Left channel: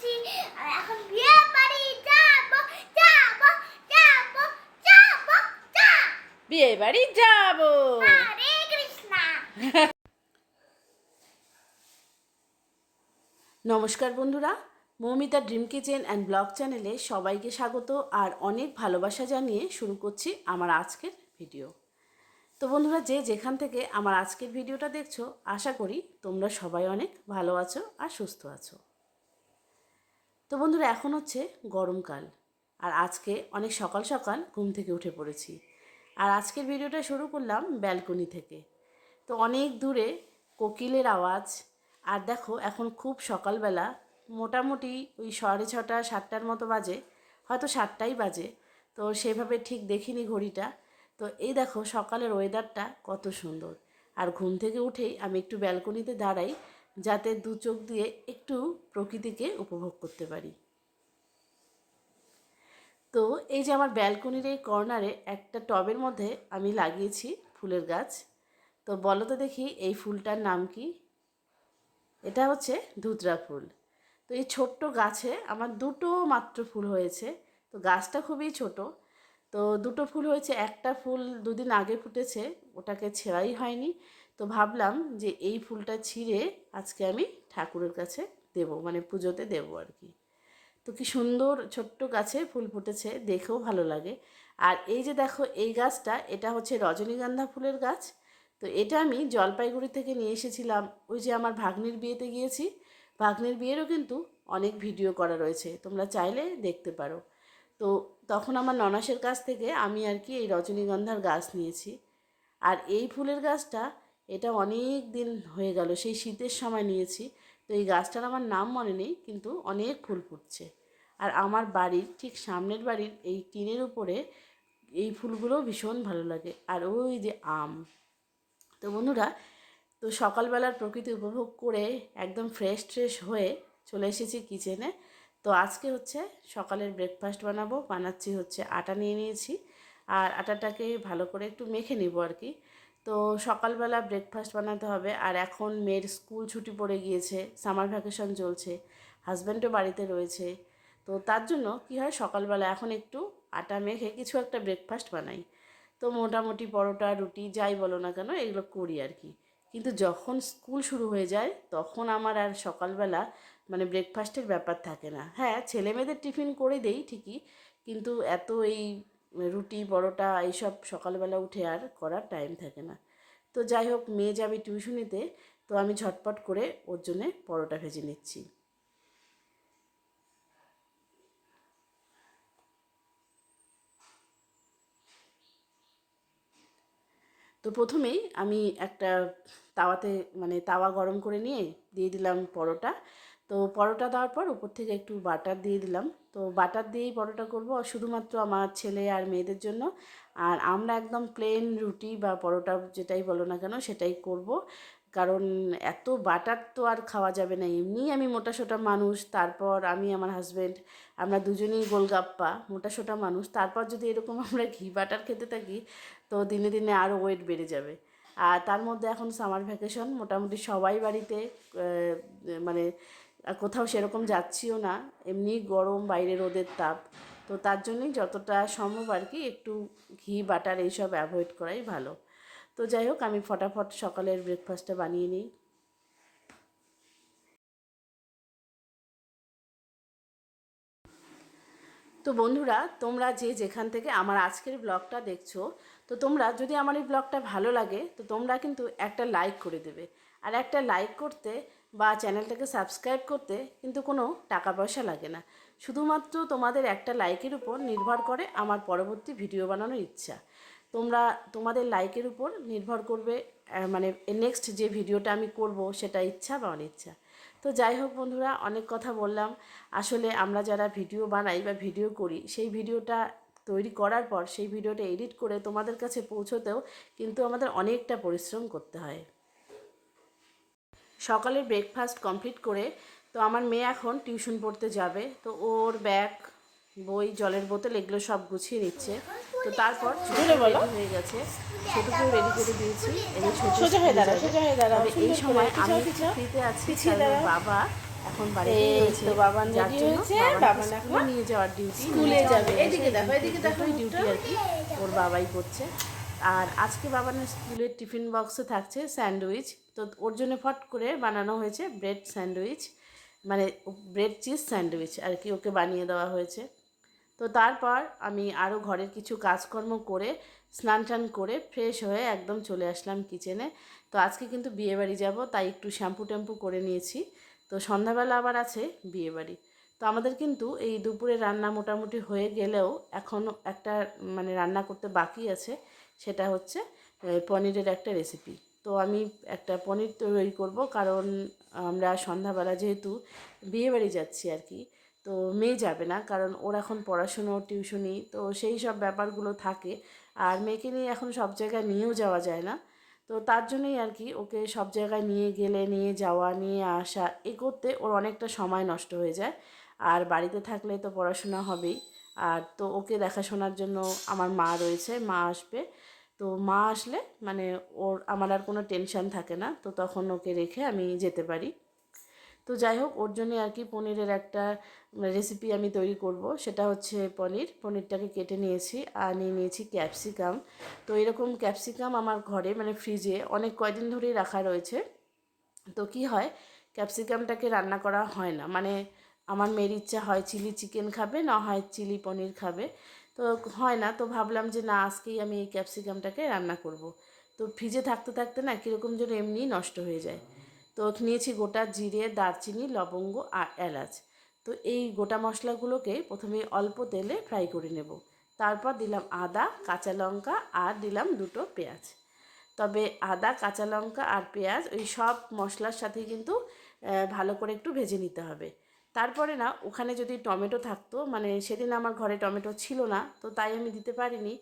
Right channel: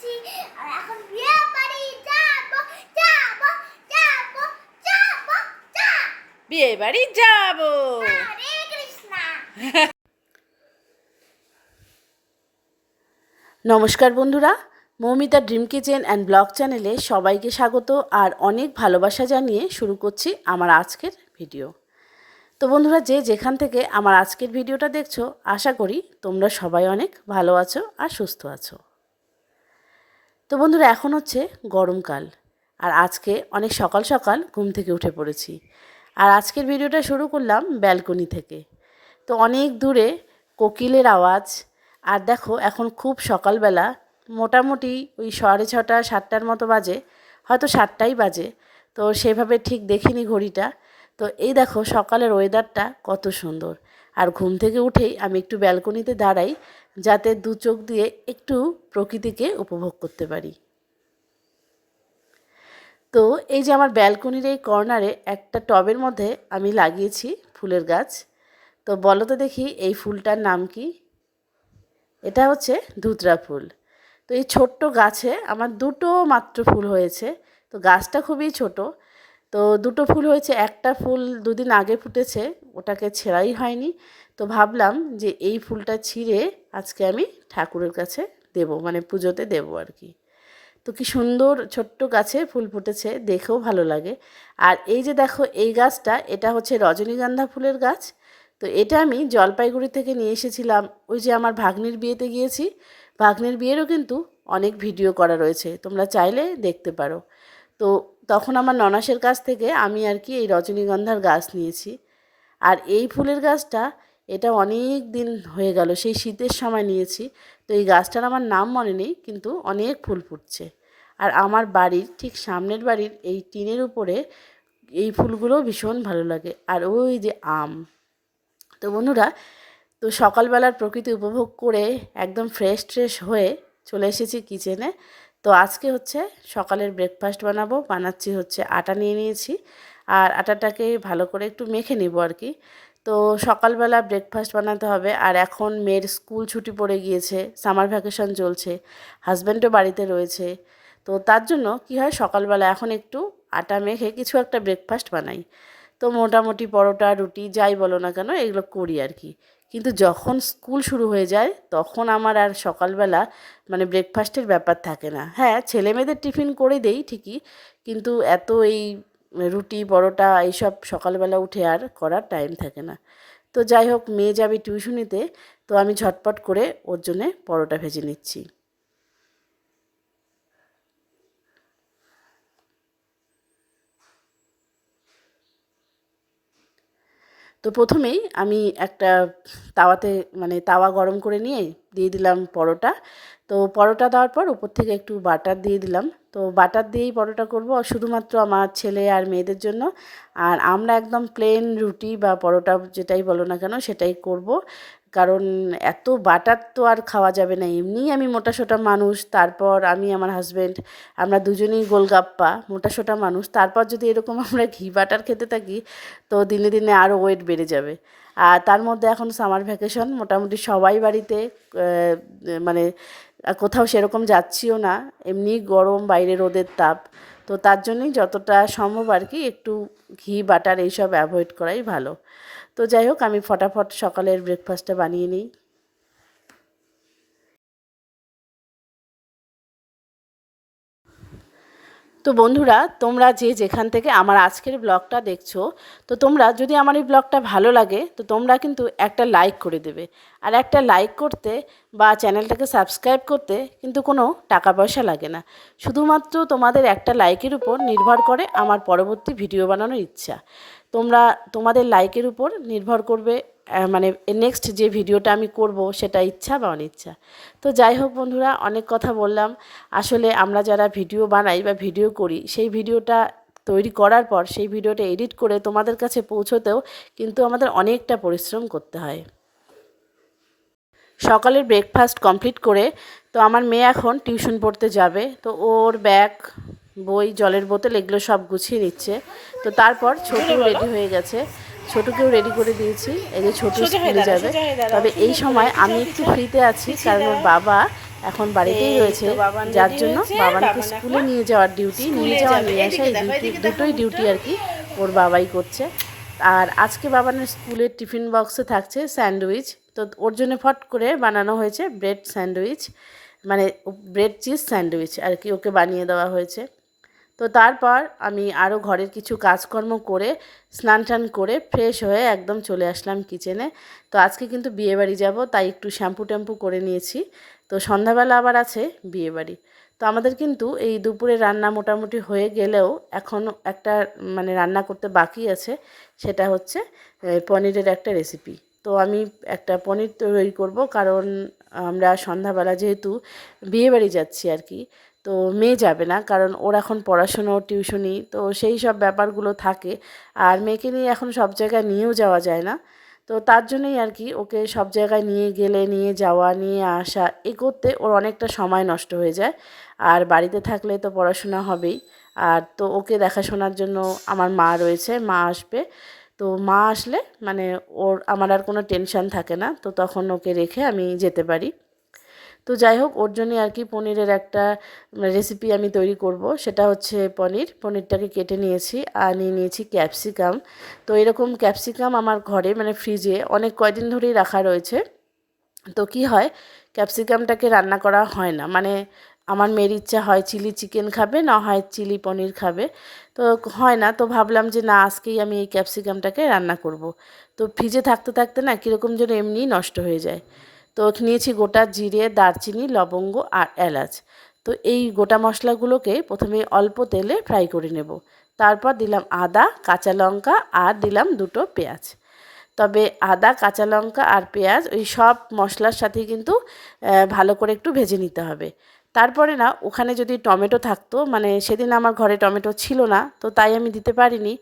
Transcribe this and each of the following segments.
পড়েছি আর এখন বিয়ে বাড়ি যাব যাব যাব যাব যাব। বিয়ে বাড়ি যাব। হরে কৃষ্ণা। নমস্কার বন্ধুরা Moumita dream kitchen and blog চ্যানেলে সবাইকে স্বাগত আর অনেক ভালোবাসা জানিয়ে শুরু করছি আমার আজকের ভিডিও। তো বন্ধুরা যে যেখান থেকে আমার আজকের ভিডিওটা দেখছ আশা করি তোমরা সবাই অনেক ভালো আছো আর সুস্থ আছো। তো বন্ধুরা, এখন হচ্ছে গরমকাল আর আজকে অনেক সকাল সকাল ঘুম থেকে উঠে পড়েছি। আর আজকের ভিডিওটা শুরু করলাম ব্যালকনি থেকে। তো অনেক দূরে কোকিলের আওয়াজ। আর দেখো, এখন খুব সকালবেলা। মোটামুটি ওই সাড়ে ছটা, সাতটার মতো বাজে। হয়তো সাতটাই বাজে। তো সেভাবে ঠিক দেখিনি ঘড়িটা। তো এই দেখো, সকালের ওয়েদারটা কত সুন্দর। আর ঘুম থেকে উঠেই আমি একটু ব্যালকনিতে দাঁড়াই। যাতে দু চোখ দিয়ে একটু প্রকৃতিকে উপভোগ করতে পারি। তো এই যে আমার ব্যালকনির এই কর্নারে একটা টবের মধ্যে আমি লাগিয়েছি ফুলের গাছ। তো বলো তো দেখি এই ফুলটার নাম কি? এটা হচ্ছে ধুতরা ফুল। তো এই ছোট্ট গাছে আমার দুটো মাত্র ফুল হয়েছে। তো গাছটা খুবই ছোট। তো দুটো ফুল হয়েছে। একটা ফুল দুদিন আগে ফুটেছে, ওটাকে ছেঁড়াই হয়নি। তো ভাবলাম যে এই ফুলটা ছিঁড়ে আজকে আমি ঠাকুরের কাছে দেব মানে পুজোতে দেবো আর কি। তো কি সুন্দর ছোট্ট গাছে ফুল ফুটেছে, দেখেও ভালো লাগে। আর এই যে দেখো, এই গাছটা, এটা হচ্ছে রজনীগন্ধা ফুলের গাছ। তো এটা আমি জলপাইগুড়ি থেকে নিয়ে এসেছিলাম, ওই যে আমার ভাগ্নির বিয়েতে গিয়েছি। ভাগ্নির বিয়েরও কিন্তু অনেক ভিডিও করা রয়েছে, তোমরা চাইলে দেখতে পারো। তো তখন আমার ননাসের কাছ থেকে আমি আর কি এই রজনীগন্ধার গাছ নিয়েছি। আর এই ফুলের গাছটা এটা অনেক দিন হয়ে গেল, সেই শীতের সময় নিয়েছি। তো এই গাছটার আমার নাম মনে নেই, কিন্তু অনেক ফুল ফুটছে। আর আমার বাড়ির ঠিক সামনের বাড়ির এই টিনের উপরে এই ফুলগুলো ভীষণ ভালো লাগে। আর ওই যে আম। তো বন্ধুরা, তো সকালবেলার প্রকৃতি উপভোগ করে একদম ফ্রেশ ট্রেশ হয়ে চলে এসেছি কিচেনে তো আজকে হচ্ছে সকালের ব্রেকফাস্ট বানাবো, বানাচ্ছি হচ্ছে আটা নিয়ে নিয়েছি। আর আটাটাকে ভালো করে একটু মেখে নিব আর কি। তো সকালবেলা ব্রেকফাস্ট বানাতে হবে। আর এখন মেয়ের স্কুল ছুটি পড়ে গিয়েছে সামার ভ্যাকেশন চলছে হাজব্যান্ডও বাড়িতে রয়েছে। তো তার জন্য কি হয়, সকালবেলা এখন একটু আটা মেখে কিছু একটা ব্রেকফাস্ট বানাই। তো মোটামুটি পরোটা, রুটি, যাই বলো না কেন, এগুলো করি আর কি। কিন্তু যখন স্কুল শুরু হয়ে যায়, তখন আমার আর সকালবেলা মানে ব্রেকফাস্টের ব্যাপার থাকে না। হ্যাঁ ছেলে মেয়েদের টিফিন করে দেই ঠিকই, কিন্তু এত এই রুটি, পরোটা এইসব সকালবেলা উঠে আর করার টাইম থাকে না। তো যাই হোক, মেয়ে যাবে টিউশনিতে তো আমি ঝটপট করে ওর জন্যে পরোটা ভেজে নিচ্ছি। তো প্রথমেই আমি একটা তাওয়াতে মানে তাওয়া গরম করে নিয়ে দিয়ে দিলাম পরোটা। তো পরোটা দেওয়ার পর উপর থেকে একটু বাটার দিয়ে দিলাম। তো বাটার দিয়েই পরোটা করব শুধুমাত্র আমার ছেলে আর মেয়েদের জন্য। আর আমরা একদম প্লেন রুটি বা পরোটা যেটাই বলো না কেন সেটাই করব। কারণ এত বাটার তো আর খাওয়া যাবে না। এমনিই আমি মোটা সোটা মানুষ, তারপর আমি আমার হাজব্যান্ড আমরা দুজনেই গোলগাপ্পা, মোটা সোটা মানুষ। তারপর যদি এরকম আমরা ঘি বাটার খেতে থাকি, তো দিনে দিনে আরও ওয়েট বেড়ে যাবে। আর তার মধ্যে এখন সামার ভ্যাকেশন মোটামুটি সবাই বাড়িতে মানে কোথাও সেরকম যাচ্ছিও না, এমনি গরম, বাইরে রোদের তাপ। তো তার জন্যই যতটা সম্ভব আর কি একটু ঘি, বাটার এইসব অ্যাভয়েড করাই ভালো। তো যাই হোক, আমি ফটাফট সকালের ব্রেকফাস্টটা বানিয়ে নিই। তো বন্ধুরা, তোমরা যে যেখান থেকে আমার আজকের ব্লগটা দেখছ, তো তোমরা যদি আমার এই ব্লগটা ভালো লাগে, তো তোমরা কিন্তু একটা লাইক করে দেবে। আর একটা লাইক করতে বা চ্যানেলটাকে সাবস্ক্রাইব করতে কিন্তু কোনো টাকা পয়সা লাগে না। শুধুমাত্র তোমাদের একটা লাইকের উপর নির্ভর করে আমার পরবর্তী ভিডিও বানানোর ইচ্ছা। তোমরা, তোমাদের লাইকের উপর নির্ভর করবে মানে নেক্সট যে ভিডিওটা আমি করব সেটা ইচ্ছা বা অনিচ্ছা। তো যাই হোক বন্ধুরা, অনেক কথা বললাম। আসলে আমরা যারা ভিডিও বানাই বা ভিডিও করি, সেই ভিডিওটা তৈরি করার পর, সেই ভিডিওটা এডিট করে তোমাদের কাছে পৌঁছতেও কিন্তু আমাদের অনেকটা পরিশ্রম করতে হয়। সকালের ব্রেকফাস্ট কমপ্লিট করে, তো আমার মেয়ে এখন টিউশন পড়তে যাবে, তো ওর ব্যাগ বই জলের বোতল এগুলো সব গুছিয়ে নিচ্ছে। তো তারপর ছোট রেডি হয়ে গেছে। ছোটকেও রেডি করে দিয়েছি। এই যে ছোট স্কুলে যাবে। তবে এই সময় আমি একটু ফ্রিতে আছি কারণ ওর বাবা এখন বাড়িতেই রয়েছে। যার জন্য বাবানকে স্কুলে নিয়ে যাওয়ার ডিউটি নিয়ে যাওয়া নিয়ে আসা এই দুটোই ডিউটি আর কি ওর বাবাই করছে। আর আজকে বাবানের স্কুলের টিফিন বক্সে থাকছে স্যান্ডউইচ। তো ওর জন্য ফট করে বানানো হয়েছে ব্রেড স্যান্ডউইচ মানে ব্রেড চিজ স্যান্ডউইচ আর কি ওকে বানিয়ে দেওয়া হয়েছে। তো তারপর আমি আরও ঘরের কিছু কাজকর্ম করে, স্নান টান করে ফ্রেশ হয়ে একদম চলে আসলাম কিচেনে তো আজকে কিন্তু বিয়েবাড়ি যাব, তাই একটু শ্যাম্পু ট্যাম্পু করে নিয়েছি। তো সন্ধ্যাবেলা আবার আছে বিয়েবাড়ি। তো আমাদের কিন্তু এই দুপুরে রান্না মোটামুটি হয়ে গেলেও এখন একটা মানে রান্না করতে বাকি আছে, সেটা হচ্ছে পনিরের একটা রেসিপি তো আমি একটা পনির তৈরি করব, কারণ আমরা সন্ধ্যাবেলা যেহেতু বিয়েবাড়ি যাচ্ছি আর কি তো মেয়ে যাবে না। কারণ ওর এখন পড়াশুনো টিউশনি তো সেই সব ব্যাপারগুলো থাকে। আর মেয়েকে নিয়ে এখন সব জায়গায় নিয়েও যাওয়া যায় না। তো তার জন্যই আর কি ওকে সব জায়গায় নিয়ে গেলে, নিয়ে যাওয়া, নিয়ে আসা এ করতে ওর অনেকটা সময় নষ্ট হয়ে যায়। আর বাড়িতে থাকলে তো পড়াশোনা হবেই। আর তো ওকে দেখাশোনার জন্য আমার মা রয়েছে, মা আসবে। তো মা আসলে মানে ওর, আমার আর কোনো টেনশন থাকে না। তো তখন ওকে রেখে আমি যেতে পারি। তো যাই হোক, ওর জন্যে আর কি পনিরের একটা রেসিপি আমি তৈরি করব। সেটা হচ্ছে পনির। পনিরটাকে কেটে নিয়েছি আর নিয়ে নিয়েছি ক্যাপসিকাম তো এরকম ক্যাপসিকাম আমার ঘরে মানে ফ্রিজে অনেক কয়দিন ধরেই রাখা রয়েছে। তো কি হয় ক্যাপসিকামটাকে রান্না করা হয় না। মানে আমার মেয়ের ইচ্ছা হয় চিলি চিকেন খাবে, না হয় চিলি পনির খাবে। তো হয় না, তো ভাবলাম যে না, আজকেই আমি এই ক্যাপসিকামটাকে রান্না করব। তো ফ্রিজে থাকতে থাকতে না, কীরকম যেন এমনিই নষ্ট হয়ে যায়। তো নিয়েছি গোটা জিরে, দারচিনি, লবঙ্গ আর এলাচ। তো এই গোটা মশলাগুলোকে প্রথমে অল্প তেলে ফ্রাই করে নেব। তারপর দিলাম আদা, কাঁচা লঙ্কা আর দিলাম দুটো পেঁয়াজ। তবে আদা, কাঁচা লঙ্কা আর পেঁয়াজ ওই সব মশলার সাথে কিন্তু ভালো করে একটু ভেজে নিতে হবে। তারপরে না ওখানে যদি টমেটো থাকতো মানে সেদিন আমার ঘরে টমেটো ছিল না তো তাই আমি দিতে পারিনি।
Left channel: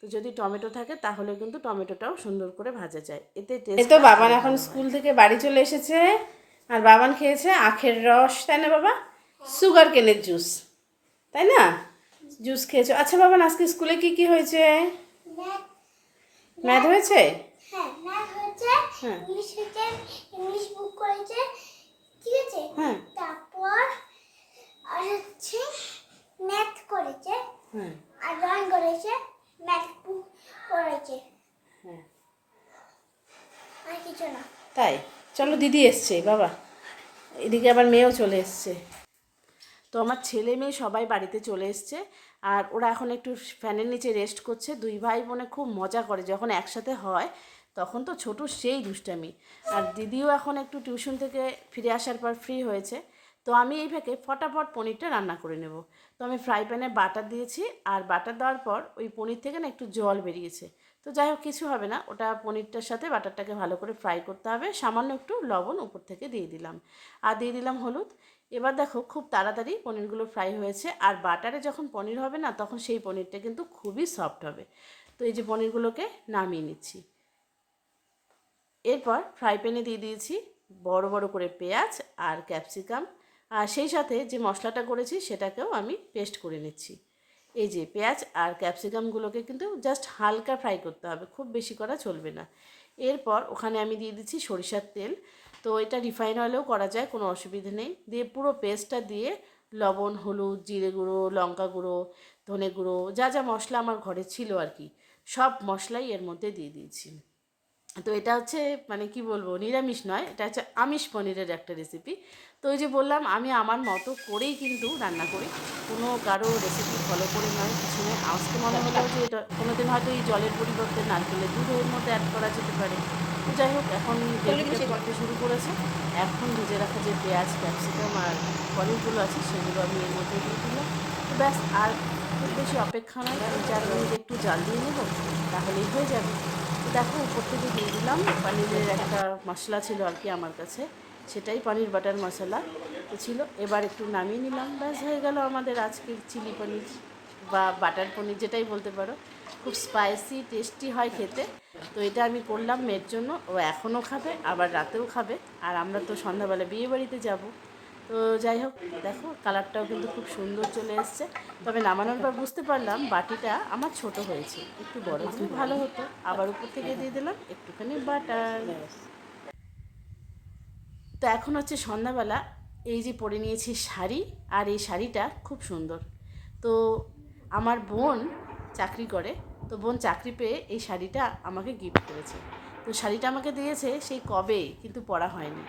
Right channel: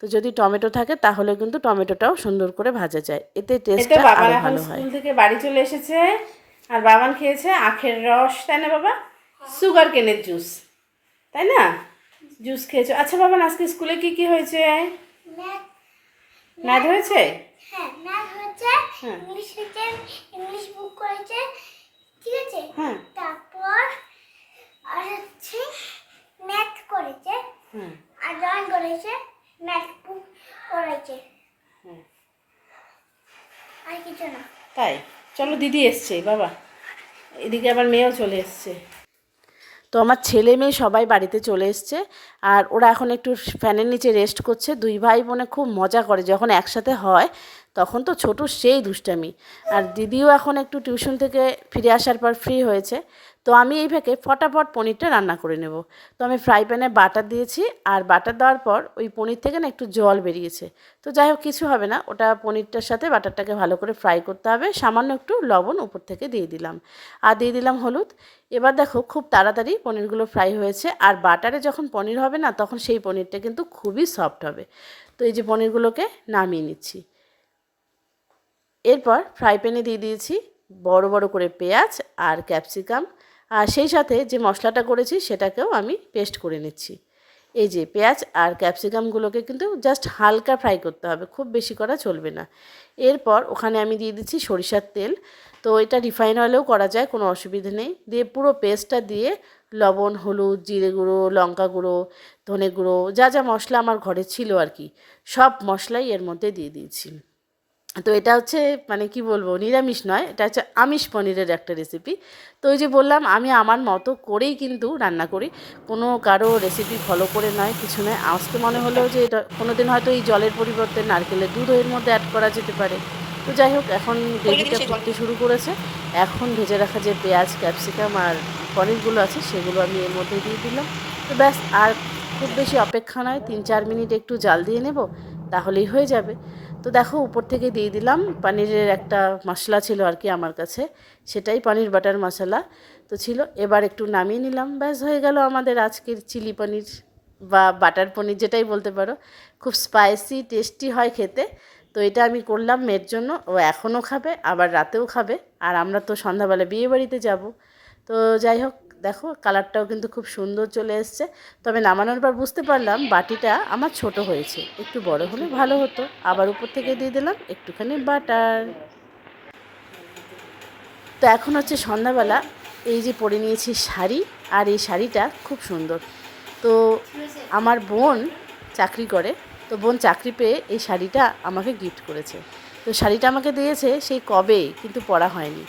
তো যদি টমেটো থাকে তাহলে কিন্তু টমেটোটাও সুন্দর করে ভাজা যায়। এতে টেস্ট বাবান এখন স্কুল থেকে বাড়ি চলে এসেছে আর বাবান খেয়েছে আখের রস তাই না বাবা? সুগার কেনের জুস তাই না? জুস খেয়েছো। আচ্ছা বাবান আজকে স্কুলে কি কি হয়েছে? ম্যাথ ম্যাথ হয়েছে? হ্যাঁ ম্যাথ হচ্ছে হ্যাঁ। ইংলিশ ইংলিশ বুক করেছে ঠিক আছে হ্যাঁ তারপর আর হচ্ছে ম্যাথ করেছে হ্যাঁ আর ড্রয়িং করেছে ম্যাথ বুক করেছে হ্যাঁ আর কিছু না তাই? চলো দিদি এসছে, বাবা। এদিকে আবার মেয়েও চলে এসছে। তো আমার ছেলে মেয়ে সবাই বাড়িতে চলে এসছে, আর ওরা এখন একটু ফ্যানের নিচে রেস্ট করছে। দুই ভাই বোনে খুব মজা করে, যখন একসাথে হয়, তখন তো ছোট সেই দুষ্টামি। আর দিদিও এখন একটু টিউশন থেকে ফিরে আসার পর ফ্রি হয়েছে। তো আমি এই ফটাফট পনিরটা রান্না করে নেব। তো আমি ফ্রাই প্যানে বাটার দিয়েছি আর বাটার দেওয়ার পর ওই পনির থেকে না একটু জল বেরিয়েছে। তো যাই হোক, কিছু হবে না, ওটা পনিরটার সাথে বাটারটাকে ভালো করে ফ্রাই করতে হবে। সামান্য একটু লবণ উপর থেকে দিয়ে দিলাম। আর দিয়ে দিলাম হলুদ। এবার দেখো খুব তাড়াতাড়ি পনিরগুলো ফ্রাই হয়েছে আর বাটারে যখন পনির হবে না, তখন সেই পনিরটা কিন্তু খুবই সফট হবে। তো এই যে পনিরগুলোকে নামিয়ে নিচ্ছি। এরপর ফ্রাই প্যানে দিয়ে দিয়েছি বড় বড় করে পেঁয়াজ আর ক্যাপসিকাম। আর সেই সাথে যে মশলাটা করেছি সেটাকেও আমি পেস্ট করে নিচ্ছি। এই যে পেঁয়াজ আর ক্যাপসিকামগুলোকে কিন্তু জাস্ট হালকা ফ্রাই করতে হবে, খুব বেশি করা চলবে না। এরপর ওখানে আমি দিয়ে দিচ্ছি সরিষার তেল। তো এটা রিফাইন অয়েলেও করা যায়, কোনো অসুবিধা নেই। দিয়ে পুরো পেস্টটা দিয়ে লবণ, হলুদ, জিরে গুঁড়ো, লঙ্কা গুঁড়ো, ধনে গুঁড়ো, যা যা মশলা আমার ঘরে ছিল আর কি, সব মশলাই এর মধ্যে দিয়ে দিয়েছি। তো এটা হচ্ছে মানে কি বলব নিরামিষ নয় এটা হচ্ছে আমিষ পনিরের একটা রেসিপি তো ওই যে বললাম আমি আমার মতো করেই কিন্তু রান্না করি। কোনো কারও রেসিপি ফলো করে নয় কিছু নয়। আজকে মনে হলো যে এটা কোনো দিন হয়তো এই জলের পরিবর্তে নারকেলের দুধ এর মধ্যে অ্যাড করা যেতে পারে। তো যাই হোক এখন গ্রেভিটা করতে শুরু করেছে। এখন ভেজে রাখা যে পেঁয়াজ ক্যাপসিকাম আর পনিরগুলো আছে সেগুলো আমি এর মধ্যে দিয়ে দিলাম। তো ব্যাস আর খুব বেশি অপেক্ষা নয় তিন চার মিনিট একটু জাল দিয়ে নেব তাহলেই হয়ে যাবে। তো দেখো, উপর থেকে দিয়ে দিলাম। পনিরের একটা মশলা ছিল আর কি আমার কাছে। সেটাই পনির বাটার মশলা। তো ছিল, এবার একটু নামিয়ে নিলাম। ব্যাস, হয়ে গেল আমাদের আজকের চিলি পনির বা বাটার পনির, যেটাই বলতে পারো। খুব স্পাইসি টেস্টি হয় খেতে। তো এটা আমি করলাম মেয়ের জন্য। ও এখনও খাবে, আবার রাতেও খাবে। আর আমরা তো সন্ধ্যাবেলা বিয়ে বাড়িতে যাব। তো যাই হোক, দেখো কালারটাও কিন্তু খুব সুন্দর চলে এসছে। তবে নামানোর পর বুঝতে পারলাম বাটিটা আমার ছোট হয়েছে। একটু বড় হলে ভালো হতো। আবার উপর থেকে দিয়ে দিলাম একটুখানি বাটার। তো এখন হচ্ছে সন্ধ্যাবেলা, এই যে পরে নিয়েছি শাড়ি আর এই শাড়িটা খুব সুন্দর। তো আমার বোন চাকরি করে, তো বোন চাকরি পেয়ে এই শাড়িটা আমাকে গিফট করেছে। তো শাড়িটা আমাকে দিয়েছে সেই কবে, কিন্তু পরা হয়নি।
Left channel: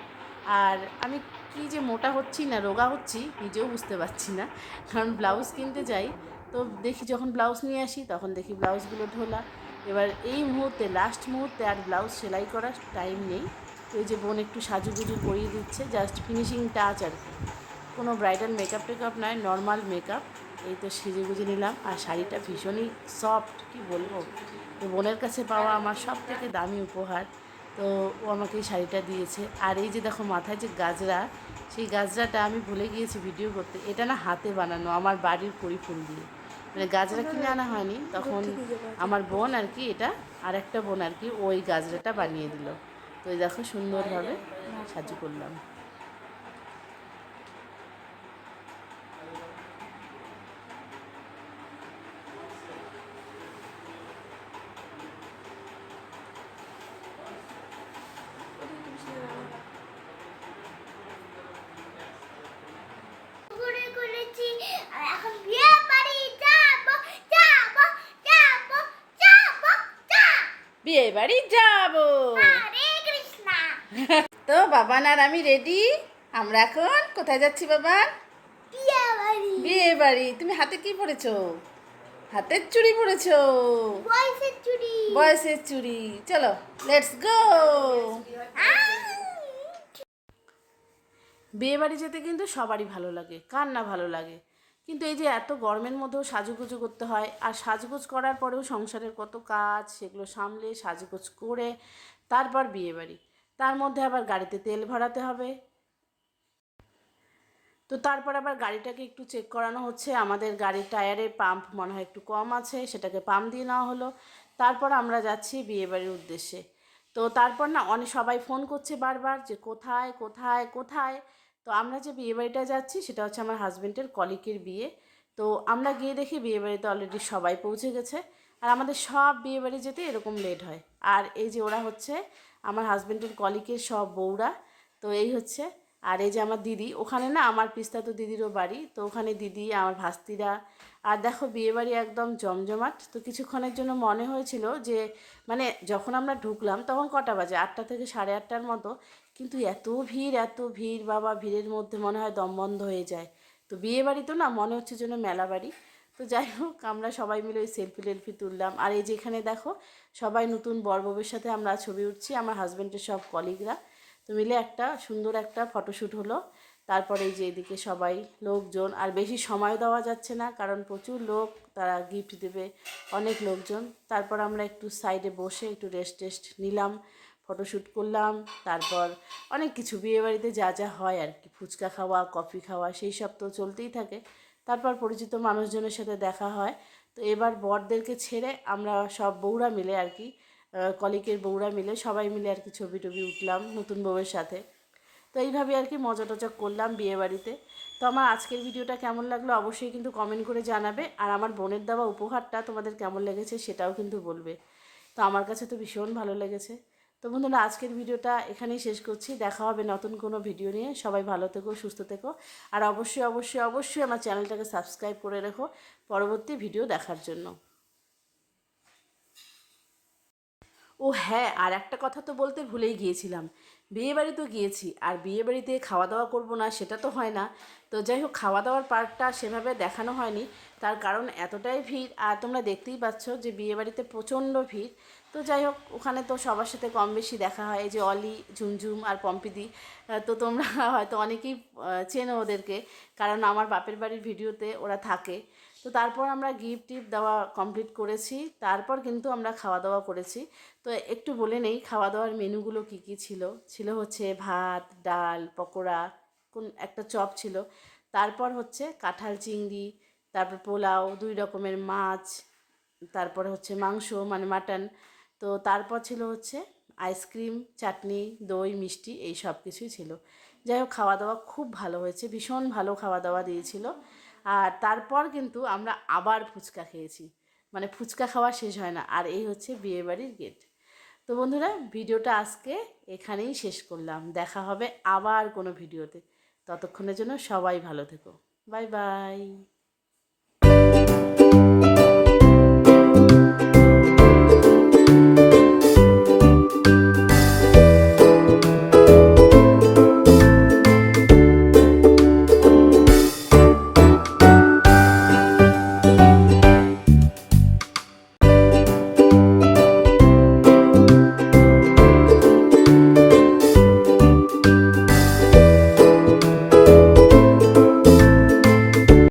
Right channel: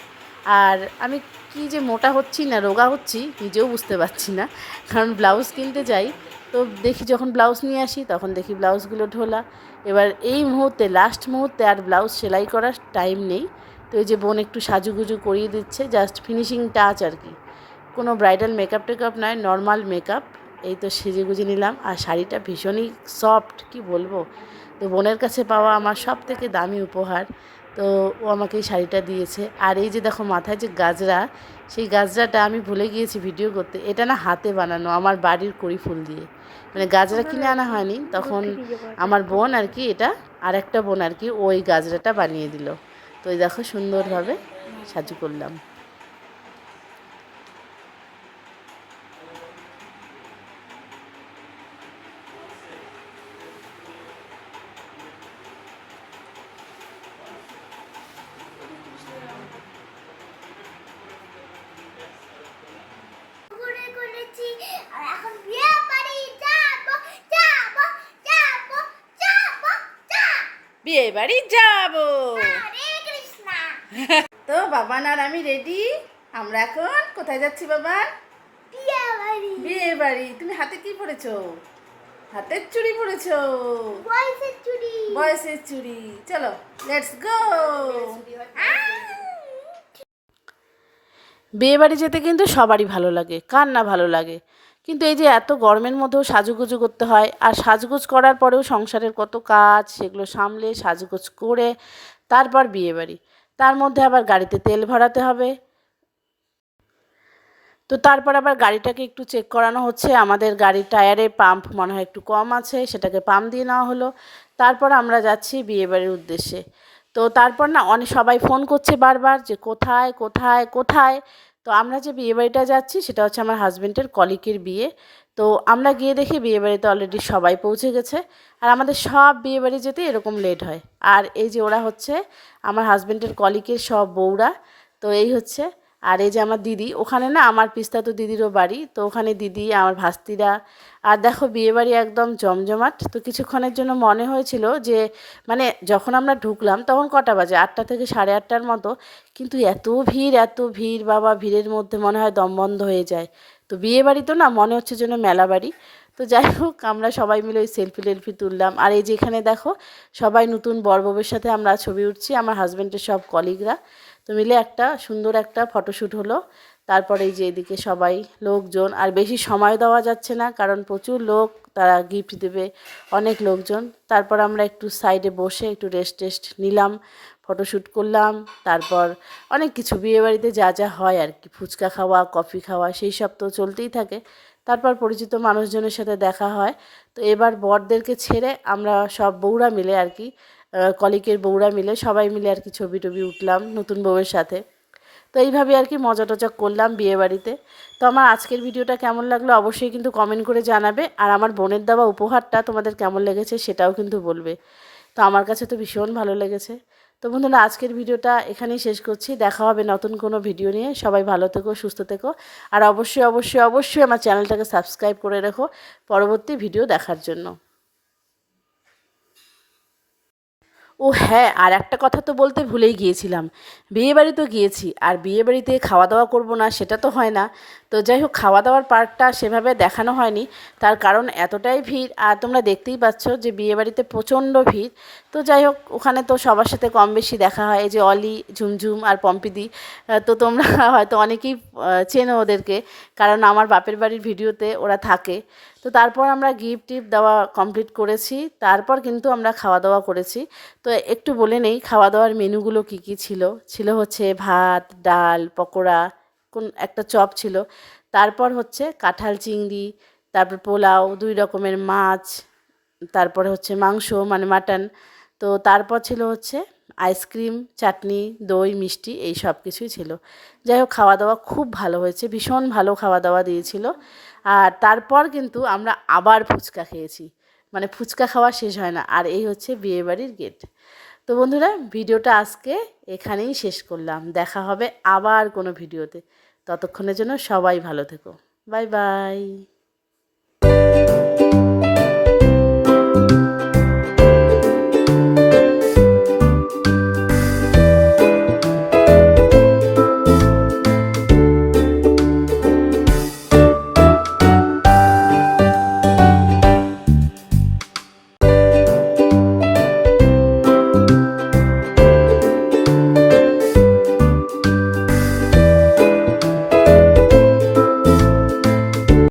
আর আমি কি যে মোটা হচ্ছি না, রোগা হচ্ছি, নিজেও বুঝতে পারছি না। কারণ ব্লাউজ কিনতে যাই, তো দেখি যখন ব্লাউজ নিয়ে আসি, তখন দেখি ব্লাউজগুলো ঢোলা। এবার এই মুহূর্তে লাস্ট মুহূর্তে আর ব্লাউজ সেলাই করার টাইম নেই। তো এই যে বোন একটু সাজুগুজু করিয়ে দিচ্ছে জাস্ট ফিনিশিং টাচ আর কি। কোনো ব্রাইডাল মেকআপ টেকআপ নয় নর্মাল মেকআপ এই তো সেজে গুজে নিলাম। আর শাড়িটা ভীষণই সফট কি বলব? তো বোনের কাছে পাওয়া আমার সব থেকে দামি উপহার। তো ও আমাকে এই শাড়িটা দিয়েছে। আর এই যে দেখো মাথায় যে গাজরা সেই গাজরাটা আমি ভুলে গিয়েছি ভিডিও করতে। এটা না হাতে বানানো আমার বাড়ির কড়ি ফুল দিয়ে। মানে গাজরা কিনে আনা হয়নি তখন আমার বোন আর কি এটা আর একটা বোন আর কি ওই গাজরাটা বানিয়ে দিল। তো এই দেখো সুন্দরভাবে সাজু করলাম। ঘুরে আর এখন বিয়ে বাড়ি যাব যাব যাব যাব যাব। বিয়ে বাড়ি যাব। হরে কৃষ্ণা। তো বাবান আর আমি রেডি আমরা এখন কোথায় যাচ্ছি বাবান? বিয়ে বাড়ি। বিয়ে বাড়ি। তুমি হাতে কি পরেছো? হাতের চুড়ি পরেছো? বয়সের চুড়ি। বয়সের চুড়ি। চলো লেটস গো বিয়ে বাড়ি যেতে কিন্তু সবারই ভালো লাগে, কার না ভালো লাগে? কিন্তু এই যে এত গরমের মধ্যেও সাজুগুজু করতে হয়, আর সাজগোজ করার পরেও সংসারের কত কাজ, সেগুলো সামলে সাজগোজ করে তারপর বিয়ে বাড়ি তার মধ্যে আবার গাড়িতে তেল ভরাতে হবে। তো তারপর আবার গাড়িটাকে একটু চেক করানো হচ্ছে। আমাদের গাড়ির টায়ারে পাম্প মনে হয় একটু কম আছে, সেটাকে পাম্প দিয়ে নেওয়া হলো। তারপর আমরা যাচ্ছি বিয়েবাড়ির উদ্দেশ্যে। তো তারপর না অনেক সবাই ফোন করছে বারবার যে কোথায় কোথায় কোথায়? তো আমরা যে বিয়েবাড়িটা যাচ্ছি সেটা হচ্ছে আমার হাজব্যান্ডের কলিকের বিয়ে। তো আমরা গিয়ে দেখি বিয়েবাড়িতে অলরেডি সবাই পৌঁছে গেছে। আর আমাদের সব বিয়েবাড়ি যেতে এরকম লেট হয়। আর এই যে ওরা হচ্ছে আমার হাজব্যান্ডের কলিকের সব বউরা, তো এই হচ্ছে আর এই যে আমার দিদি, ওখানে না আমার পিস্তা তো দিদিরও বাড়ি, তো ওখানে দিদি, আমার ভাস্তিরা, আর দেখো বিয়েবাড়ি একদম জমজমাট। তো কিছুক্ষণের জন্য মনে হয়েছিল যে মানে যখন আমরা ঢুকলাম তখন কটা বাজে? আটটা থেকে সাড়ে আটটার মতো। কিন্তু এত ভিড় এত ভিড় বাবা, ভিড়ের মধ্যে মনে হয় দম বন্ধ হয়ে যায়। তো বিয়ে বাড়ি তো না মনে হচ্ছে যেন মেলা বাড়ি। তো যাই হোক, আমরা সবাই মিলে ওই সেলফি টেলফি তুললাম। আর এই যে এখানে দেখো, সবাই নতুন বরববের সাথে আমরা ছবি উঠছি, আমার হাজব্যান্ডের সব কলিগরা তো মিলে একটা সুন্দর একটা ফটোশ্যুট হলো। তারপরে যে এদিকে সবাই, লোকজন, আর বেশি সময় দেওয়া যাচ্ছে না, কারণ প্রচুর লোক, তারা গিফট দেবে অনেক লোকজন। তারপর আমরা একটু সাইডে বসে একটু রেস্ট টেস্ট নিলাম ফটোশ্যুট করলাম। তারপর অনেক কিছু, বিয়েবাড়িতে যা যা হয় আর কি, ফুচকা খাওয়া কফি খাওয়া, সেই সব তো চলতেই থাকে। তারপর পরিচিত মানুষজনের সাথে দেখা হয়। তো এবার বরদেরকে ছেড়ে আমরা সব বউরা মিলে আর কি কলিকের বউরা মিলে, সবাই মিলে আর কি ছবি টবি উঠলাম নতুন বউয়ের সাথে। তো এইভাবে আর কি মজা টজা করলাম বিয়ে বাড়িতে তো আমার আজকের ভিডিওটা কেমন লাগল অবশ্যই কিন্তু কমেন্ট করে জানাবে। আর আমার বোনের দেওয়া উপহারটা তোমাদের কেমন লেগেছে সেটাও কিন্তু বলবে। তো আমার কাছে তো ভীষণ ভালো লেগেছে। তো বন্ধুরা, আজকের ভিডিওটা এখানেই শেষ করছি। দেখা হবে নতুন কোনো ভিডিও নিয়ে। সবাই ভালো থেকো, সুস্থ থেকো। আর অবশ্যই অবশ্যই অবশ্যই আমার চ্যানেলটাকে সাবস্ক্রাইব করে রেখো পরবর্তী ভিডিও দেখার জন্য। ও হ্যাঁ আর একটা কথা তো বলতে ভুলেই গিয়েছিলাম। বিয়েবাড়ি তো গিয়েছি, আর বিয়েবাড়িতে খাওয়া দাওয়া করব না, সেটা তো হয় না। তো যাই হোক খাওয়া দাওয়ার পার্টটা সেভাবে দেখানো হয়নি। তার কারণ এতটাই ভিড়, আর তোমরা দেখতেই পাচ্ছ যে বিয়েবাড়িতে প্রচণ্ড ভিড়। তো যাই হোক, ওখানে তো সবার সাথে কম বেশি দেখা হয় যে অলি, ঝুমঝুম আর পম্পিদি। তো তোমরা হয়তো অনেকেই চেনো ওদেরকে, কারণ আমার বাপের বাড়ির ভিডিওতে ওরা থাকে। তো তারপর আমরা গিফট টিফট দেওয়া কমপ্লিট করেছি। তারপর কিন্তু আমরা খাওয়া দাওয়া করেছি। তো একটু বলে নেই খাওয়া দাওয়ার মেনুগুলো কী কী ছিল? ছিল হচ্ছে ভাত, ডাল, পকোড়া, কোন একটা চপ ছিল। তারপর হচ্ছে কাঁঠাল চিংড়ি, তারপর পোলাও, দুই রকমের মাছ, তারপরে হচ্ছে মাংস মানে মাটন। তো তারপর ছিল হচ্ছে আইসক্রিম, চাটনি, দই, মিষ্টি, এই সব কিছুই ছিল। যাই হোক খাওয়া দাওয়া খুব ভালো হয়েছে, ভীষণ ভালো খাওয়া দাওয়া দিয়েছিল। আর তারপর কিন্তু আমরা আবার ফুচকা খেয়েছি। মানে ফুচকা খাওয়া শেষ হয় না, আর এই হচ্ছে বিয়েবাড়ির গেট তো বন্ধুরা, ভিডিওটা আজকে এখানেই শেষ করলাম। দেখা হবে আবার কোনো ভিডিওতে। ততক্ষণের জন্য সবাই ভালো থেকো। Bye bye.